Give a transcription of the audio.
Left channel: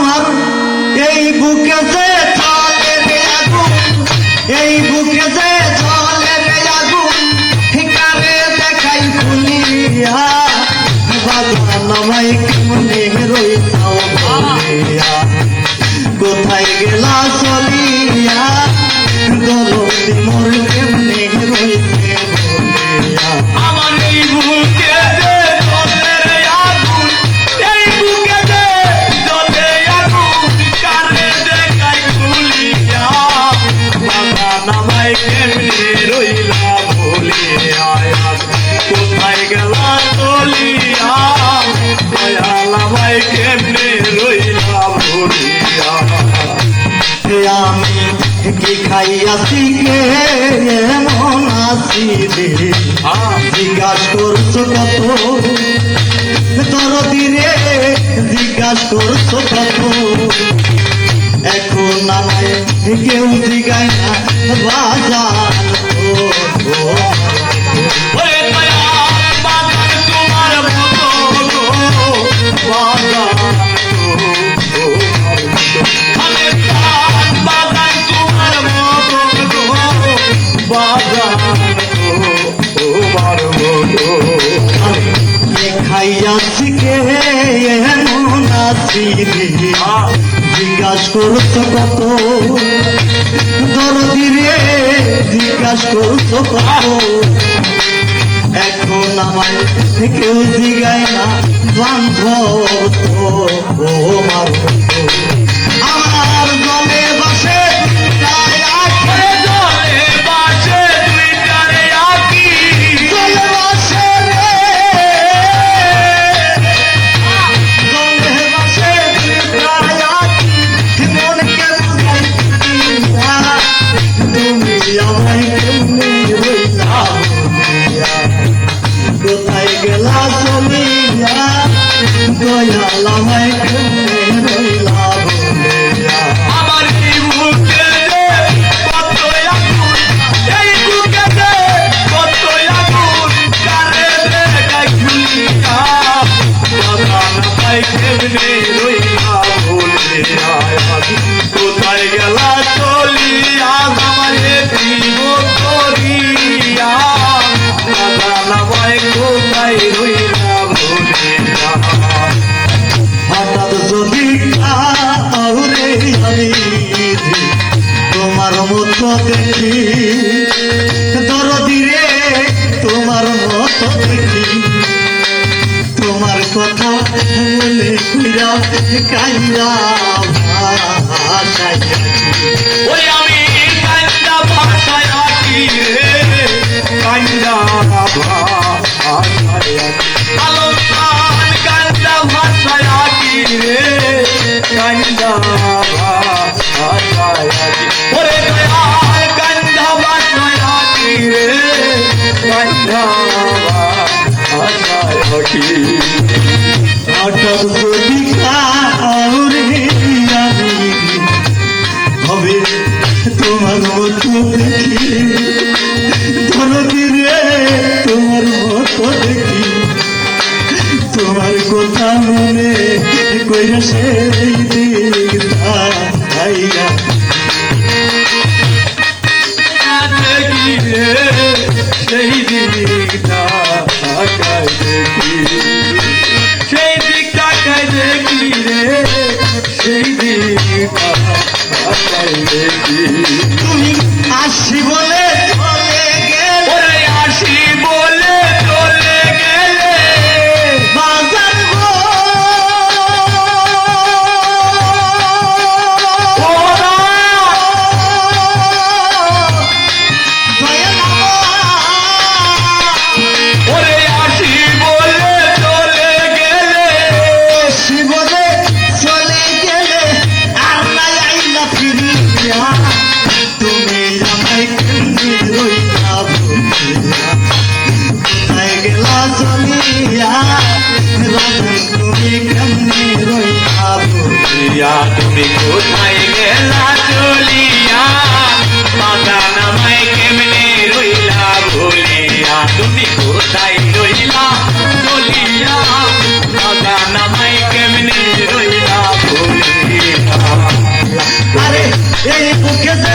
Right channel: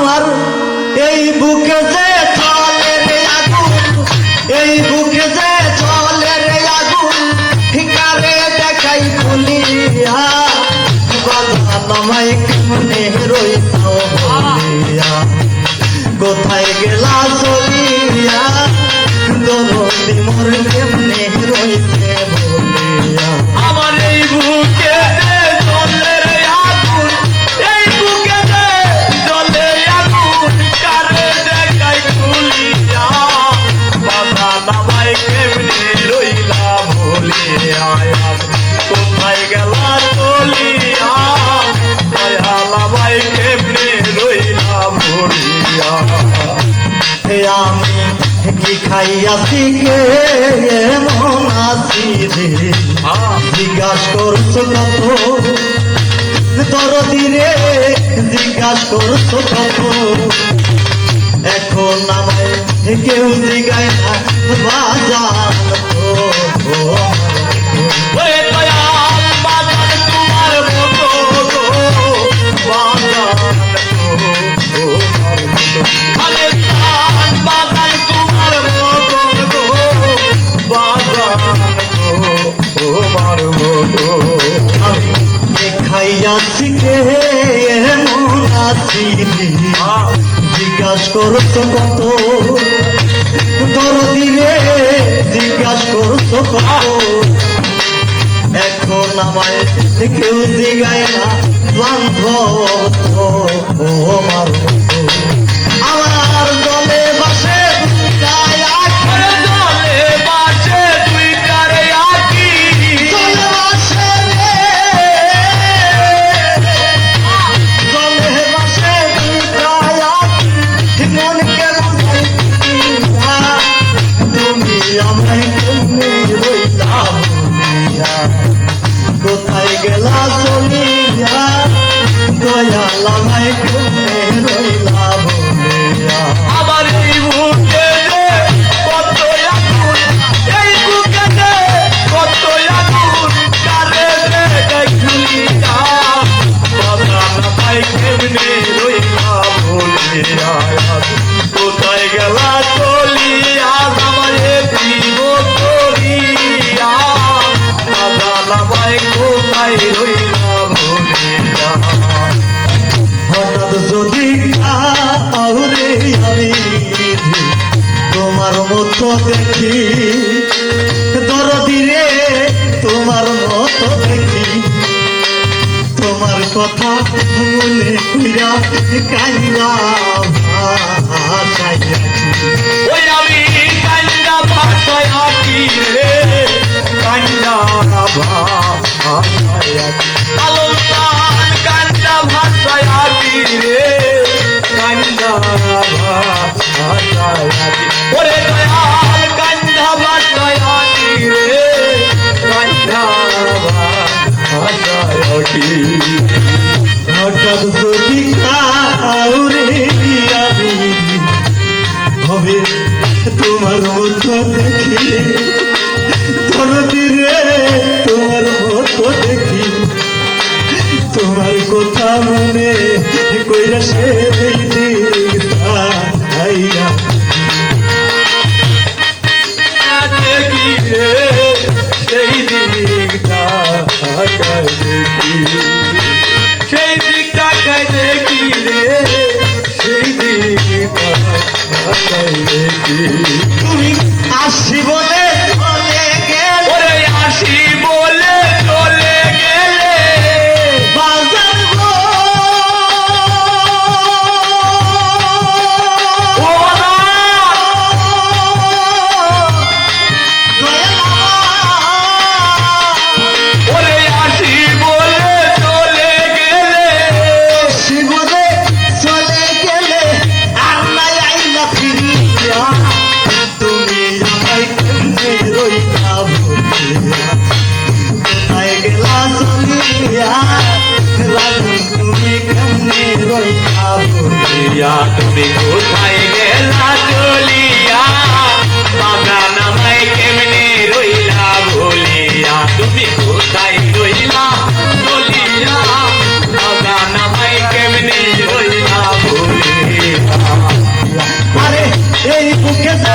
আমার এই বুকে যে চলে রে আগুন, এই বুকে যে চলে রে আগুন, ঠিকারে দেখাই খুলিয়া বাজান আমায় কেমনে রইছো বলিয়া, কোথায় গেলা চলিয়া দরদি মোর কেমনে রইছে বলিয়া। আমার এই বুকে যে চলে রে আগুন, এই বুকে যে চলে আগুন, কারে দেখাই খুলিয়া বাজান আমায় কেমনে রইলা বলিয়া, কোথায় গেলা চলিয়া দয়াল আমায় কেমনে রইলা বলিয়া। আমি কি খাইয়াছি কে এমন আছি রে, জিজ্ঞাস করছো কত দরদি রে, জিজ্ঞাস করছো কত, এখন আমায় কেউ জিগায় না বাজার তো। ওরে দয়াল বাজান তোমার মতো গো, বাজান গো, ওরে দয়াল বাজান তোমার মতো গো, বাজান গো, তোমার মতো। খাইয়াছি কে এমন আছি রে, জিজ্ঞাস করছো কত দরদি রে, জিজ্ঞাস করছো কত, এখন আমায় কেউ জিগায় না জানতো আমার আমার গলে বসে জলে বাসে দুইটারে আঁকি, গলে বসে রে, গলে বসে মনকে বুঝাই তুমি আমায় কেমনে রইলা বলিয়া, কোথায় গেলা চলিয়া দয়াল আমায় কেমনে রইলা বলিয়া। আমার এই বুকে যে কত আগুন, এই বুকে যে কত আগুন, কারে দেখাই খুলিয়া বাজান আমায় কেমনে রইলা বলিয়া, কোথায় গেলা চলিয়া আমারে দিব করিয়া বাজান আমায় কোথায় রইলা বলিয়া। হঠাৎ যদি কাউরে আমি তোমার মতো দেখি দরদি রে, তোমার মতো দেখি, তোমার কথা মনে কইরা কাইরা ভাষায় ওই আমি কাইন্দা ভাষায় আঁকি রে, কাইন্দা ভাষায় আঁকি, আলোচনার কাইন্দা ভাষায় আঁকি রে, কাইন্দা ভাষায় আঁকি, ওরে দয়াল কাইন্দা ভাষায় আঁকি রে, কাইন্দা ভাষায় আঁকি। হঠাৎ যদি কাউরে আমি হবে তোমার মতো দেখি দরদি রে, তোমার মতো দেখি, তোমার কথা মনে কইরা সেই দিনটা যাইয়া দেখি রে সেই দিকটা তাকাই দেখি, সেই দিকটা তাকাই দেখি রে, সেই দিকটা তাকাই দেখি। আসি বলে চলে গেল ওরে আসি বলে চলে গেলে বাজার গো, ওরে আসি বলে চলে গেলে, শিবরে চলে গেলে আল্লাহ আইলা ফিরিয়া, তুমি আমায় কেমনে রইলা বলিয়া, কোথায় গেলা চলিয়া রাধে তুমি কেমনে রইলা বলিয়া। তুমি কোথায় গেলা চলিয়া বাগান আমায় কেমনে রইলা ভুলিয়া, তুমি কোথায় রইলা চলিয়া বাগান আমায় কেমনে রইলা ভুলিয়া। সুখে